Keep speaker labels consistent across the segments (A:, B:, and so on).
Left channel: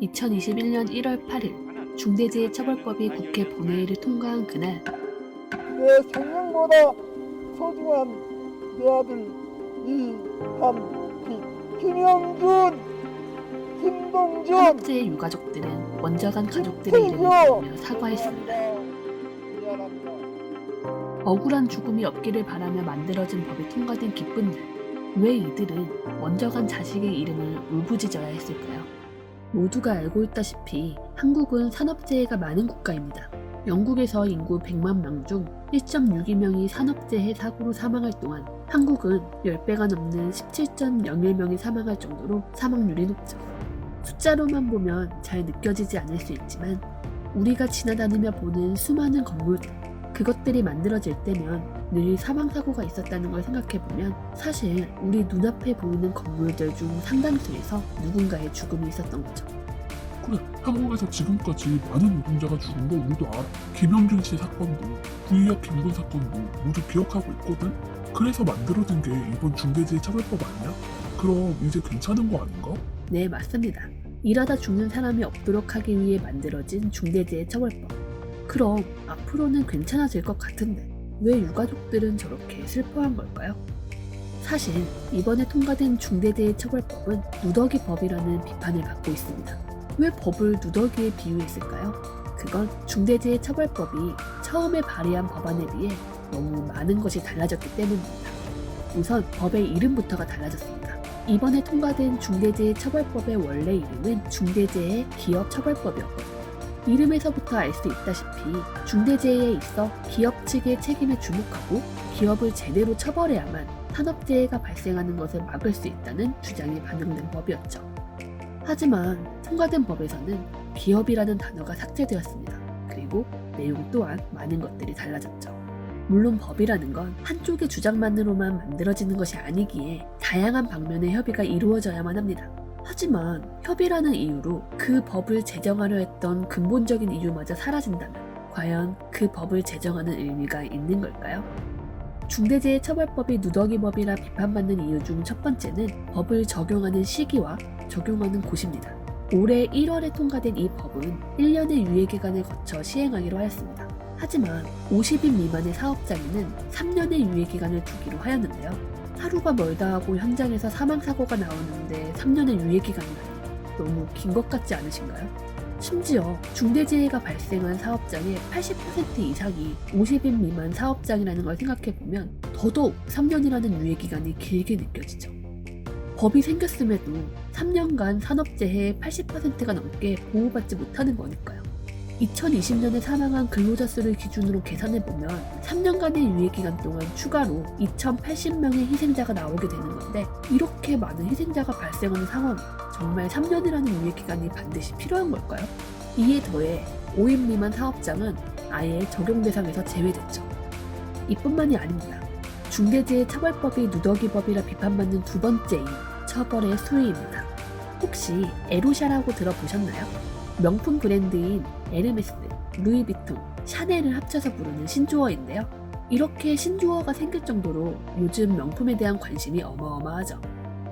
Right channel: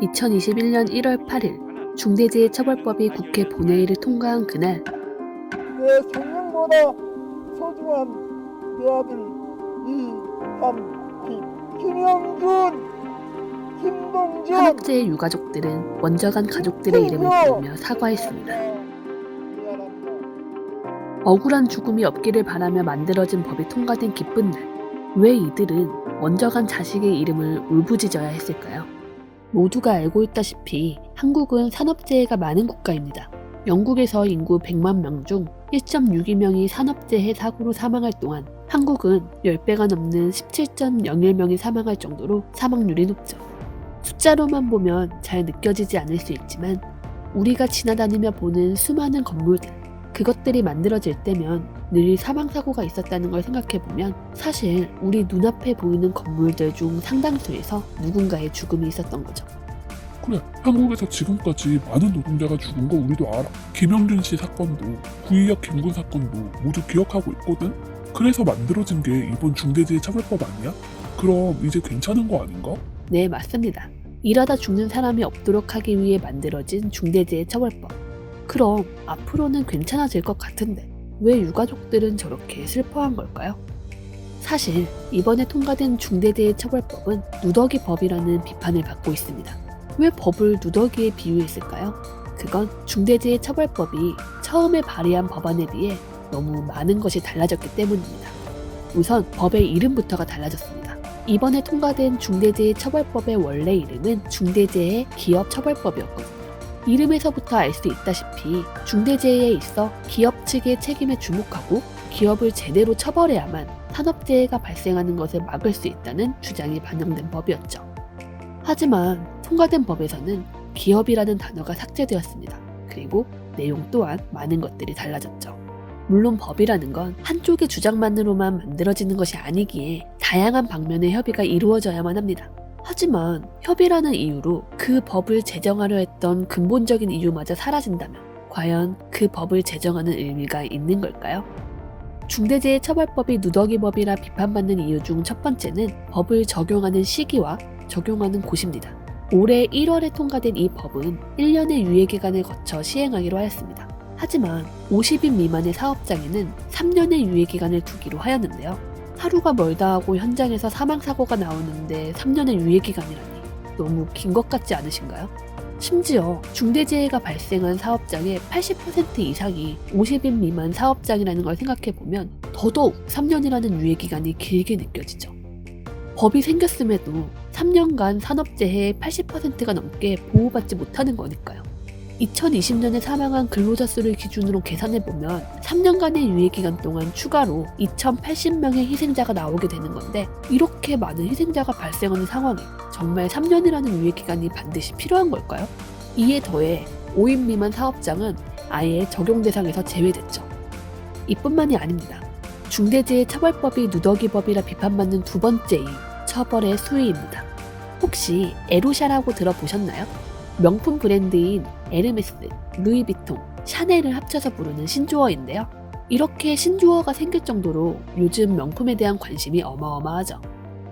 A: 2021년 1월 8일 중대재해처벌법이 국회 본회의를 통과한 그날
B: 내 생명보다 소중한 내 아들 이한빛 김영준 김동준
A: 산업재해 유가족들은 원저간 가족들의 이름을 부르며 사과했습니다. 억울한 죽음이 없기를 바라며 만들어진 법이 통과된 기쁜 날. 왜 이들은 원저간 자식의 이름을 울부짖어야 했을까요? 모두가 알고 있다시피 한국은 산업재해가 많은 국가입니다. 영국에서 인구 100만 명 중 1.62명이 산업재해 사고로 사망할 동안 한국은 10배가 넘는 17.01명이 사망할 정도로 사망률이 높죠. 숫자로만 보면 잘 느껴지지 않을 수 있지만 우리가 지나다니며 보는 수많은 건물들, 그것들이 만들어질 때면 늘 사망사고가 있었다는 걸 생각해보면 사실 우리 눈앞에 보이는 건물들 중 상당수에서 누군가의 죽음이 있었던 거죠.
C: 그래, 한국에서 지금까지 많은 노동자가 죽은 거 우리도 알아. 김영준 씨 사건도, 구이역 김군 사건도 모두 기억하고 있거든? 그래서 만들어진 게 이번 중대재해 처벌법 아니야? 그럼 이제 괜찮은 거 아닌가?
A: 네, 맞습니다. 일하다 죽는 사람이 없도록 하기 위해 만들어진 중대재해 처벌법. 그럼 앞으로는 괜찮아질 것 같은데 왜 유가족들은 저렇게 슬퍼한 걸까요? 사실 이번에 통과된 중대재해 처벌법은 누더기 법이라는 비판을 받고 있습니다. 왜 법을 누더기에 비유했을까요? 그건 중대재해 처벌법이 처음에 발의한 법안에 비해 너무 많은 것이 달라졌기 때문입니다. 우선 법의 이름부터가 달라졌습니다. 이번에 통과된 중대재해 처벌법의 원래 이름은 중대재해 기업 처벌법이었거든요. 이름에서부터 알 수 있다시피 중대재해에 있어 기업 측의 책임에 주목하고 기업을 제대로 처벌해야만 산업재해가 발생하는 것을 막을 수 있다는 주장이 반영된 법이었죠. 하지만 통과된 법에서는 기업이라는 단어가 삭제되었습니다. 그리고 내용 또한 많은 것들이 달라졌죠. 물론 법이라는 건 한쪽의 주장만으로만 만들어지는 것이 아니기에 다양한 방면의 협의가 이루어져야만 합니다. 하지만 협의라는 이유로 그 법을 제정하려 했던 근본적인 이유마저 사라진다면 과연 그 법을 제정하는 의미가 있는 걸까요? 중대재해처벌법이 누더기법이라 비판받는 이유 중 첫 번째는 법을 적용하는 시기와 적용하는 곳입니다. 올해 1월에 통과된 이 법은 1년의 유예기간을 거쳐 시행하기로 하였습니다. 하지만 50인 미만의 사업장에는 3년의 유예기간을 두기로 하였는데요. 하루가 멀다 하고 현장에서 사망사고가 나오는데 3년의 유예기간이라니 너무 긴 것 같지 않으신가요? 심지어 중대재해가 발생한 사업장의 80% 이상이 50인 미만 사업장이라는 걸 생각해보면 더더욱 3년이라는 유예기간이 길게 느껴지죠. 법이 생겼음에도 3년간 산업재해의 80%가 넘게 보호받지 못하는 거니까요. 2020년에 사망한 근로자 수를 기준으로 계산해보면 3년간의 유예기간 동안 추가로 2,080명의 희생자가 나오게 되는 건데 이렇게 많은 희생자가 발생하는 상황에 정말 3년이라는 유예기간이 반드시 필요한 걸까요? 이에 더해 5인 미만 사업장은 아예 적용 대상에서 제외됐죠. 이뿐만이 아닙니다. 중대재해처벌법이 누더기법이라 비판받는 두 번째 이유, 처벌의 수위입니다. 혹시 에루샤라고 들어보셨나요? 명품 브랜드인 에르메스, 루이비통, 샤넬을 합쳐서 부르는 신조어인데요. 이렇게 신조어가 생길 정도로 요즘 명품에 대한 관심이 어마어마하죠.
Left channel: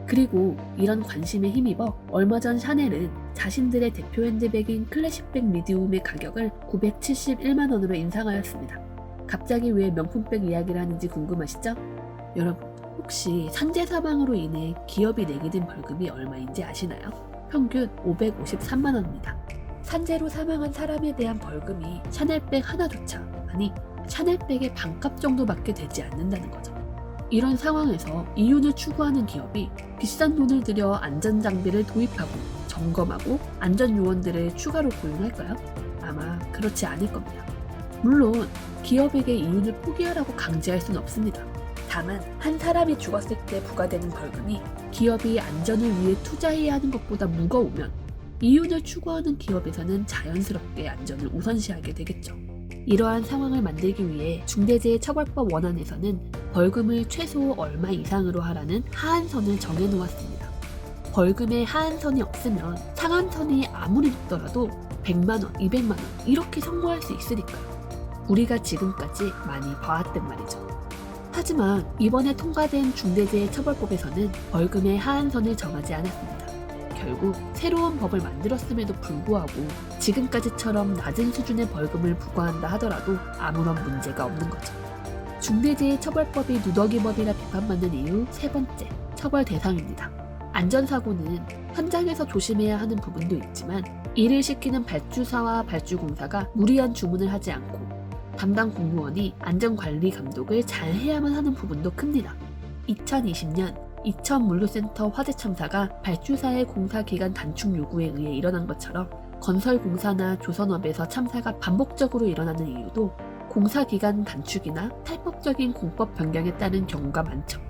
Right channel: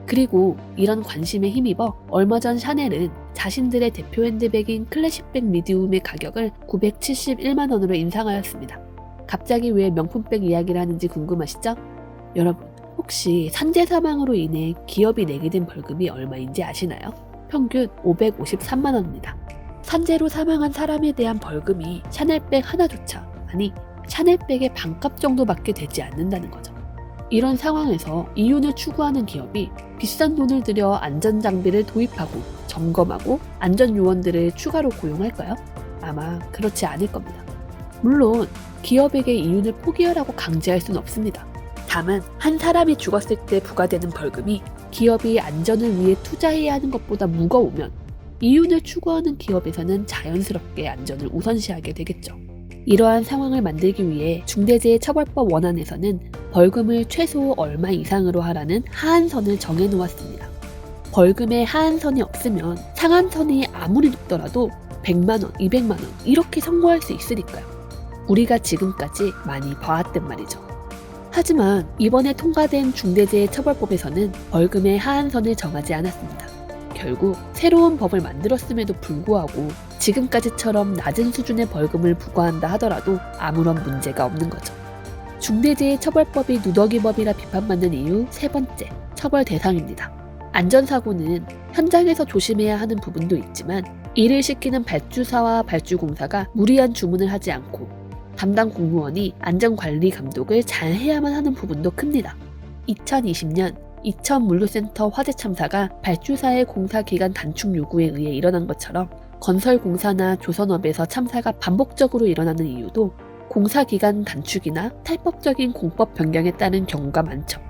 A: 그리고 이런 관심에 힘입어 얼마 전 샤넬은 자신들의 대표 핸드백인 클래식백 미디움의 가격을 971만 원으로 인상하였습니다. 갑자기 왜 명품백 이야기를 하는지 궁금하시죠? 여러분, 혹시 산재 사망으로 인해 기업이 내게 된 벌금이 얼마인지 아시나요? 평균 553만 원입니다. 산재로 사망한 사람에 대한 벌금이 샤넬백 하나조차, 아니, 샤넬백의 반값 정도밖에 되지 않는다는 거죠. 이런 상황에서 이윤을 추구하는 기업이 비싼 돈을 들여 안전 장비를 도입하고 점검하고 안전 요원들을 추가로 고용할까요? 아마 그렇지 않을 겁니다. 물론 기업에게 이윤을 포기하라고 강제할 수는 없습니다. 다만 한 사람이 죽었을 때 부과되는 벌금이 기업이 안전을 위해 투자해야 하는 것보다 무거우면 이윤을 추구하는 기업에서는 자연스럽게 안전을 우선시하게 되겠죠. 이러한 상황을 만들기 위해 중대재해처벌법 원안에서는 벌금을 최소 얼마 이상으로 하라는 하한선을 정해놓았습니다. 벌금에 하한선이 없으면 상한선이 아무리 높더라도 100만원, 200만원 이렇게 선고할 수 있으니까요. 우리가 지금까지 많이 봐왔단 말이죠. 하지만 이번에 통과된 중대재해처벌법에서는 벌금의 하한선을 정하지 않았습니다. 결국 새로운 법을 만들었음에도 불구하고 지금까지처럼 낮은 수준의 벌금을 부과한다 하더라도 아무런 문제가 없는 거죠. 중대재해 처벌법이 누더기법이라 비판받는 이유 세 번째, 처벌 대상입니다. 안전사고는 현장에서 조심해야 하는 부분도 있지만 일을 시키는 발주사와 발주공사가 무리한 주문을 하지 않고 담당 공무원이 안전관리 감독을 잘 해야만 하는 부분도 큽니다. 2020년 이천 물류센터 화재 참사가 발주사의 공사 기간 단축 요구에 의해 일어난 것처럼 건설 공사나 조선업에서 참사가 반복적으로 일어나는 이유도 공사 기간 단축이나 탈법적인 공법 변경에 따른 경우가 많죠.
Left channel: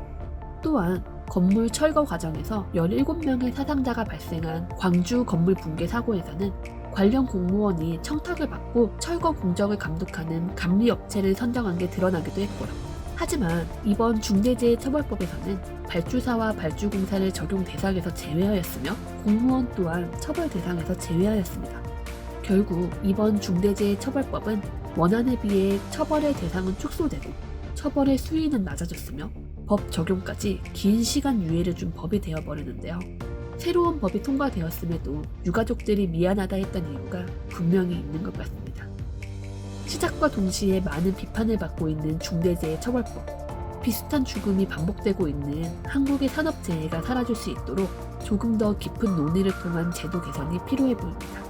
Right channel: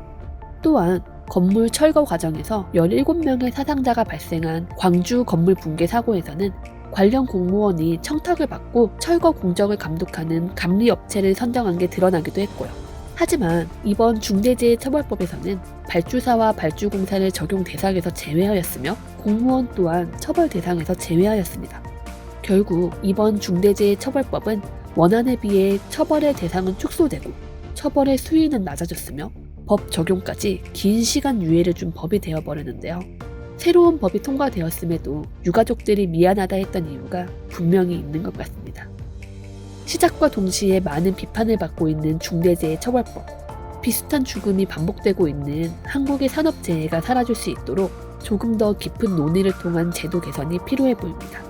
A: 또한 건물 철거 과정에서 17명의 사상자가 발생한 광주 건물 붕괴 사고에서는 관련 공무원이 청탁을 받고 철거 공정을 감독하는 감리업체를 선정한 게 드러나기도 했고요. 하지만 이번 중대재해처벌법에서는 발주사와 발주공사를 적용 대상에서 제외하였으며 공무원 또한 처벌 대상에서 제외하였습니다. 결국 이번 중대재해처벌법은 원안에 비해 처벌의 대상은 축소되고 처벌의 수위는 낮아졌으며 법 적용까지 긴 시간 유예를 준 법이 되어버렸는데요. 새로운 법이 통과되었음에도 유가족들이 미안하다 했던 이유가 분명히 있는 것 같습니다. 시작과 동시에 많은 비판을 받고 있는 중대재해처벌법. 비슷한 죽음이 반복되고 있는 한국의 산업재해가 사라질 수 있도록 조금 더 깊은 논의를 통한 제도 개선이 필요해 보입니다.